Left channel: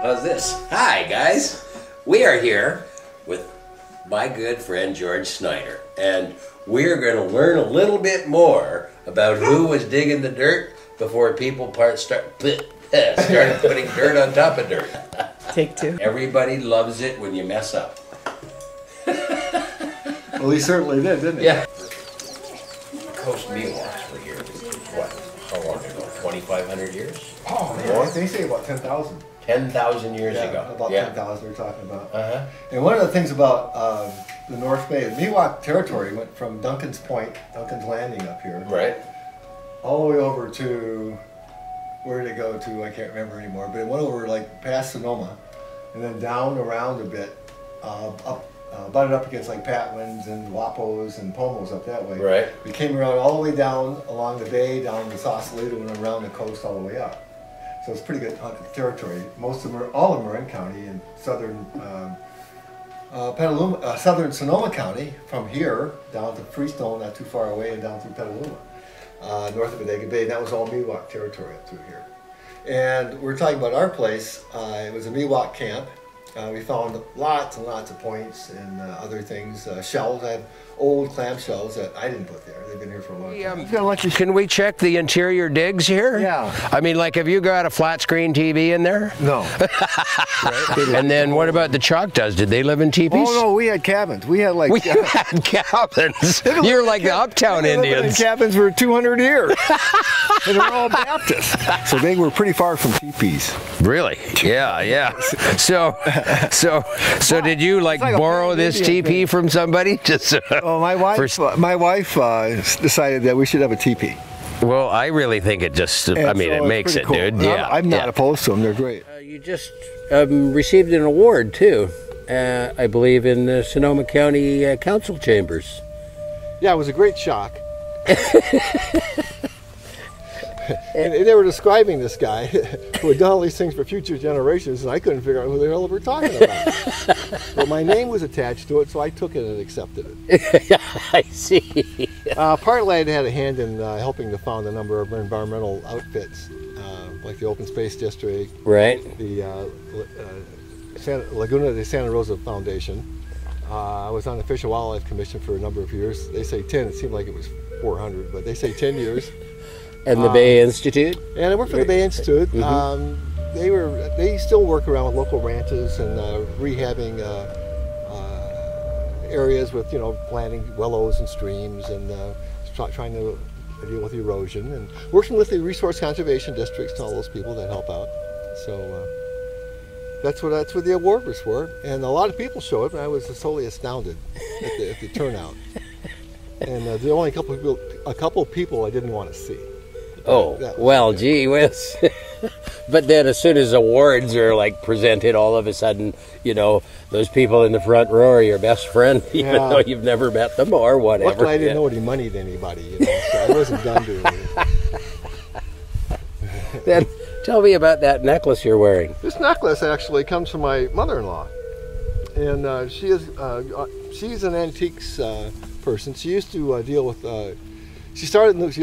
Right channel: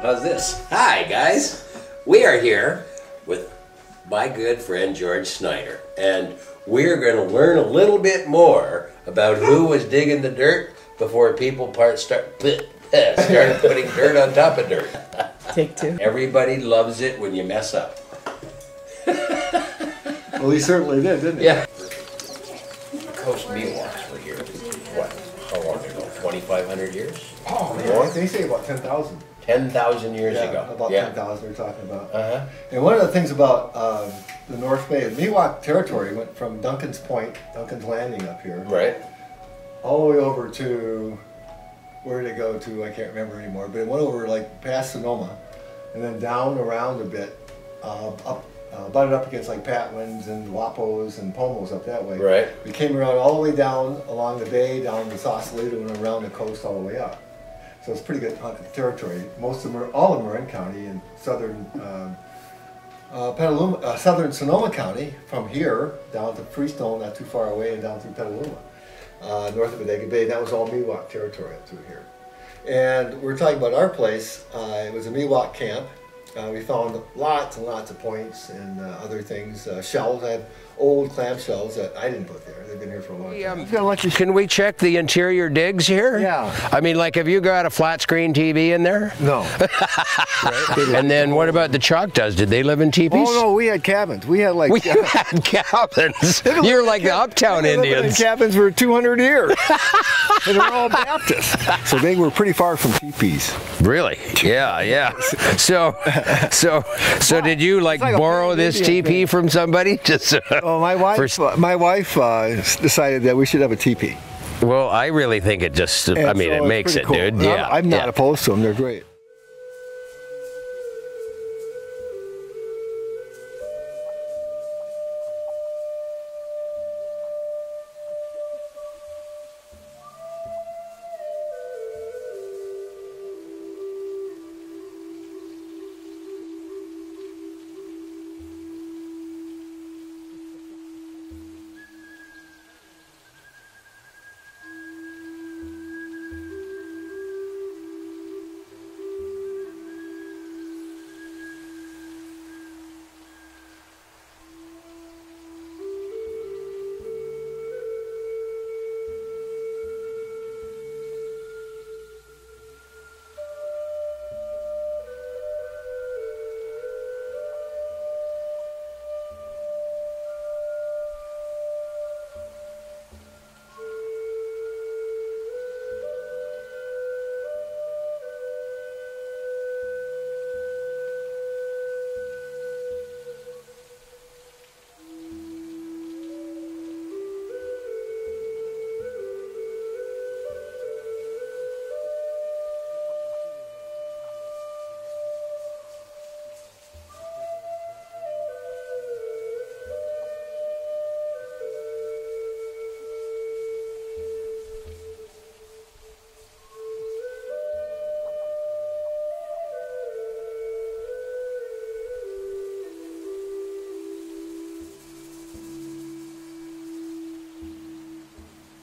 How's this? Hi, guys. We are here with my good friend George Snyder, and we're going to learn a little bit more about who was digging the dirt before people started putting dirt on top of dirt. Take two. Everybody loves it when you mess up. Well, he certainly did, didn't he? Yeah. Coast Miwoks were here, what, how long ago? 2,500 years? Oh, man. They say about 10,000. 10,000 years ago. About yeah. 10,000 they're talking about. Uh-huh. And one of the things about the North Bay, the Miwok territory went from Duncan's Point, Duncan's Landing up here, Right. all the way over to, where did it go to? I can't remember anymore, but it went over like past Sonoma, and then down around a bit, butted up against like Patwins and Wapos and Pomos up that way. Right. We came around all the way down along the bay, down to Sausalito, and around the coast all the way up. So it's pretty good territory. Most of them are, all of them are in county in southern Petaluma, southern Sonoma County, from here down to Freestone, not too far away, and down through Petaluma, north of Bodega Bay. That was all Miwok territory up through here. And we're talking about our place. It was a Miwok camp. We found lots and lots of points and other things, shells. I have old clam shells that I didn't put there. They've been here for a long time. Can we check the interior digs here? Yeah. I mean, like, have you got a flat screen TV in there? No. And then what about the Choctaws? Did they live in teepees? Oh no, we had cabins. We had like... We had cabins. You're like the uptown Indians. Cabins for 200 years. And they're all Baptist. So they were pretty far from teepees. Really? Yeah, yeah. So did you like borrow this teepee from somebody? Just well, my wife decided that we should have a teepee. Well, I really think it just, I mean, it makes it, cool. dude. Yeah. I'm not opposed to them. They're great. You just received an award, too, I believe, in the Sonoma County Council Chambers. Yeah, it was a great shock. And they were describing this guy who had done all these things for future generations, and I couldn't figure out who the hell they were talking about. But my name was attached to it, so I took it and accepted it. Yeah, I see. Partly I had a hand in helping to found a number of environmental outfits, like the Open Space District, Right. the Laguna de Santa Rosa Foundation. I was on the Fish and Wildlife Commission for a number of years. They say 10, it seemed like it was 400, but they say 10 years. And the Bay Institute? And I worked for the Bay Institute. Mm-hmm. They still work around with local ranches and rehabbing areas with, planting willows and streams and trying to deal with erosion and working with the resource conservation districts and all those people that help out. So that's what the award was for. And a lot of people showed up, and I was totally astounded at the turnout. And there were only a couple of people I didn't want to see. Oh, well, gee whiz. But then as soon as awards are like presented, all of a sudden, those people in the front row are your best friend, even though you've never met them or whatever. Luckily, I didn't know he moneyed anybody, so I wasn't done doing it. Then tell me about that necklace you're wearing. This necklace actually comes from my mother-in-law. And she's an antiques person. She used to deal with, she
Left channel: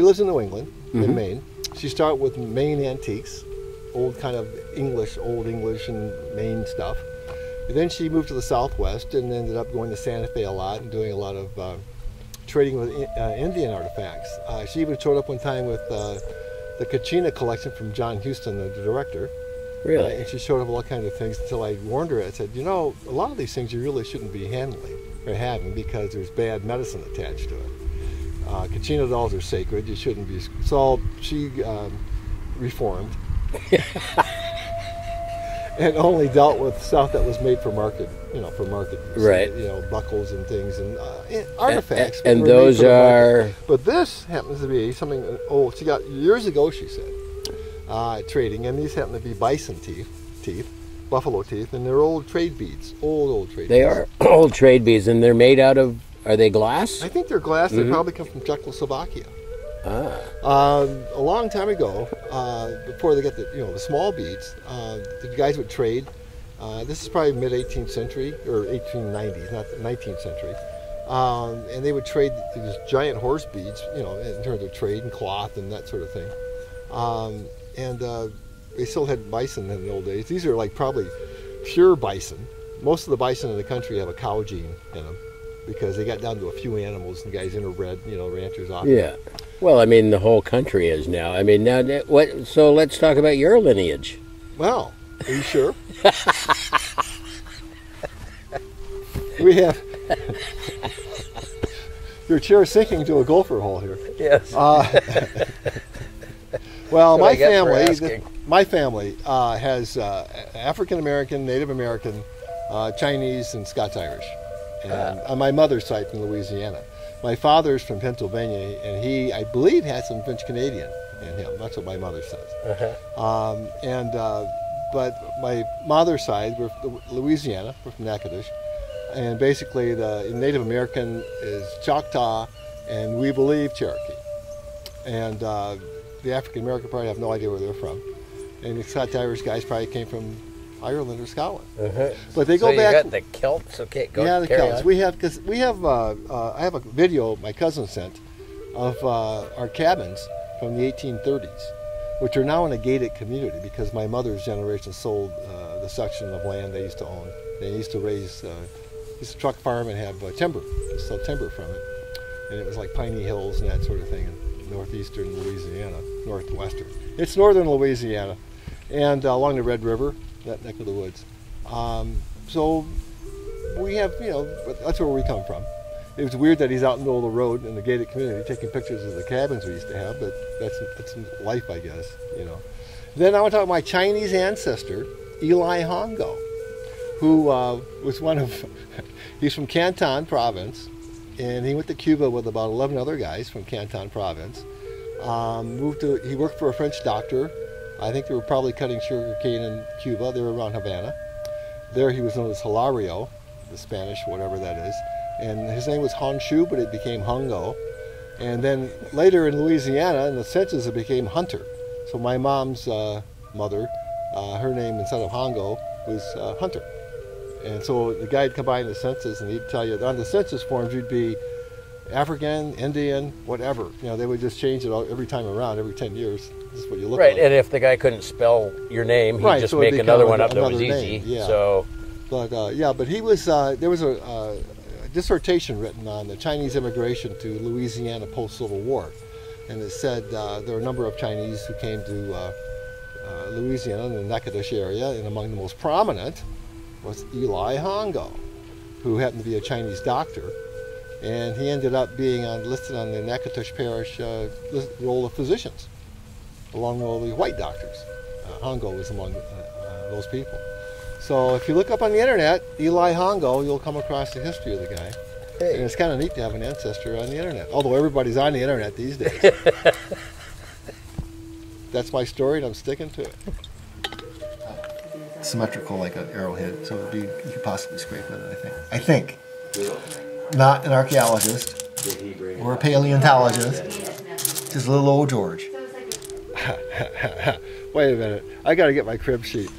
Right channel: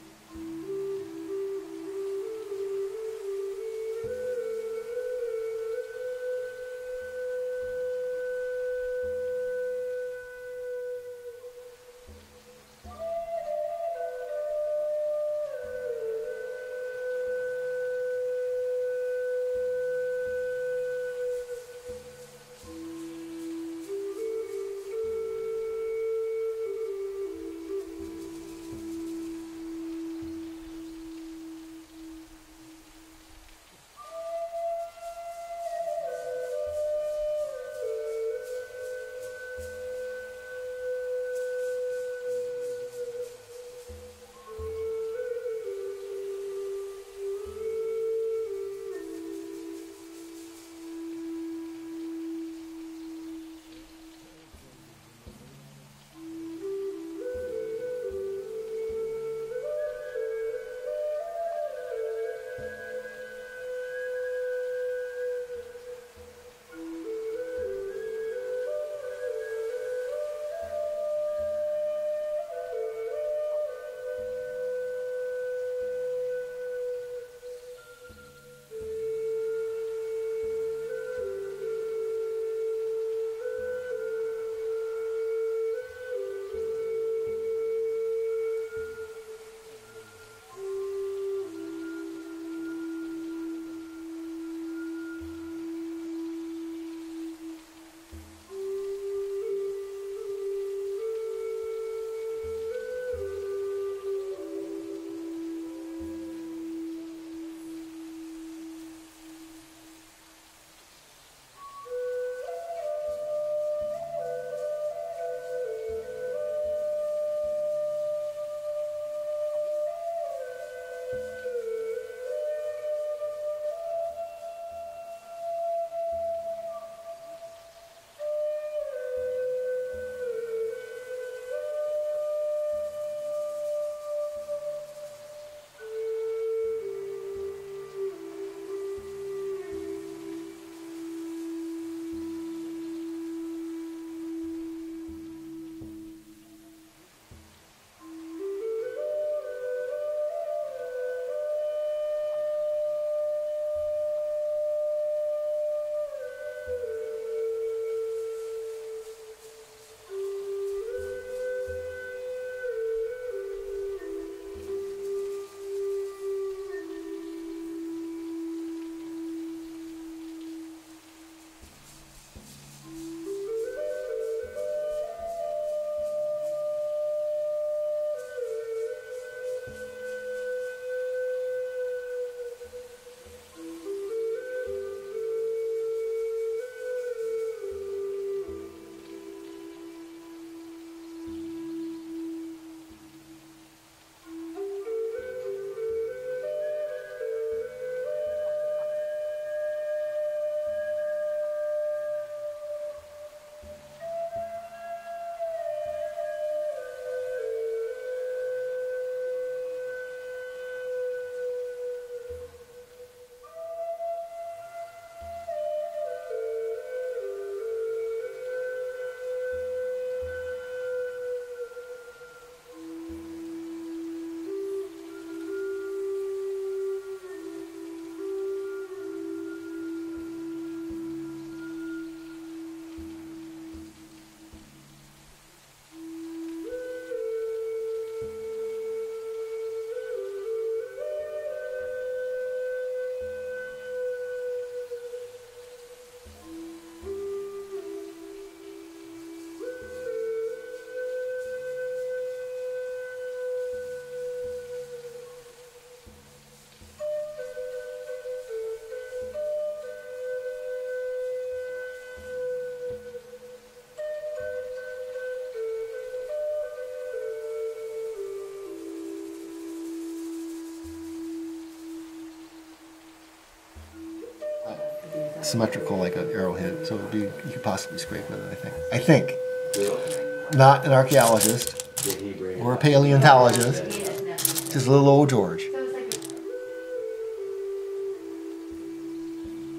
lives in New England, in Maine. She started with Maine antiques, old English and Maine stuff. And then she moved to the Southwest and ended up going to Santa Fe a lot and doing a lot of trading with Indian artifacts. She even showed up one time with the Kachina collection from John Huston, the director. Really? And she showed up with all kinds of things until I warned her. I said, a lot of these things you really shouldn't be handling or having because there's bad medicine attached to it. Kachina dolls are sacred. You shouldn't be. So she reformed and only dealt with stuff that was made for market, for market use. Right. Buckles and things and artifacts. And those are. But this happens to be something old. She got years ago. She said trading, and these happen to be bison teeth, buffalo teeth, and they're old trade beads. Old trade beads. They are old trade beads, and they're made out of. Are they glass? I think they're glass. They probably come from Czechoslovakia. Ah. A long time ago, before they got the small beads, the guys would trade. This is probably mid-18th century or 1890s, not 19th century. And they would trade these giant horse beads, in terms of trade and cloth and that sort of thing. they still had bison in the old days. These are like probably pure bison. Most of the bison in the country have a cow gene in them because they got down to a few animals and the guys interbred, you know, ranchers off. Yeah. Well, I mean, the whole country is now. I mean, now what? So let's talk about your lineage. Well, are you sure? We have. Your chair's sinking to a gopher hole here. Yes. Well, my family has African American, Native American, Chinese, and Scots Irish, and on my mother's side from Louisiana. My father's from Pennsylvania, and he, I believe, had some French Canadian in him. That's what my mother says. But my mother's side, we're from Louisiana. We're from Natchitoches, and basically the Native American is Choctaw, and we believe Cherokee. And the African American part, I have no idea where they're from. And the Scots Irish guys probably came from Ireland or Scotland. But they go back. So you got the Celts. Okay, go. Yeah, the Celts. On. We have I have a video my cousin sent of our cabins from the 1830s, which are now in a gated community because my mother's generation sold the section of land they used to own. They used to raise, used to truck farm and have timber, just sell timber from it, and it was like Piney Hills and that sort of thing in northeastern Louisiana, northwestern. It's northern Louisiana, and along the Red River, that neck of the woods. So we have, you know, that's where we come from. It was weird that he's out in the middle of the road in the gated community taking pictures of the cabins we used to have, but that's life, I guess, you know. Then I want to talk about my Chinese ancestor, Eli Hongo, who was one of, he's from Canton Province, and he went to Cuba with about 11 other guys from Canton Province. He worked for a French doctor. I think they were probably cutting sugar cane in Cuba. They were around Havana. There he was known as Hilario, the Spanish, whatever that is. And his name was Honshu, but it became Hongo. And then later in Louisiana, in the census, it became Hunter. So my mom's mother, her name instead of Hongo was Hunter. And so the guy would combine the census, and he'd tell you on the census forms you'd be African, Indian, whatever. You know, they would just change it every time around, every 10 years. This is what you look like. Right, and if the guy couldn't spell your name, he'd just make another one up that was easy. Yeah. So, but he was. There was a dissertation written on the Chinese immigration to Louisiana post-Civil War, and it said there are a number of Chinese who came to Louisiana in the Natchitoches area, and among the most prominent was Eli Hongo, who happened to be a Chinese doctor. And he ended up being listed on the Natchitoches Parish roll of physicians, along with all the white doctors. Hongo was among those people. So if you look up on the internet, Eli Hongo, you'll come across the history of the guy. Hey. And it's kind of neat to have an ancestor on the internet, although everybody's on the internet these days. That's my story, and I'm sticking to it. Symmetrical like an arrowhead, so you could possibly scrape with it, I think. Not an archaeologist or a paleontologist, just little old George. Wait a minute, I gotta get my crib sheet.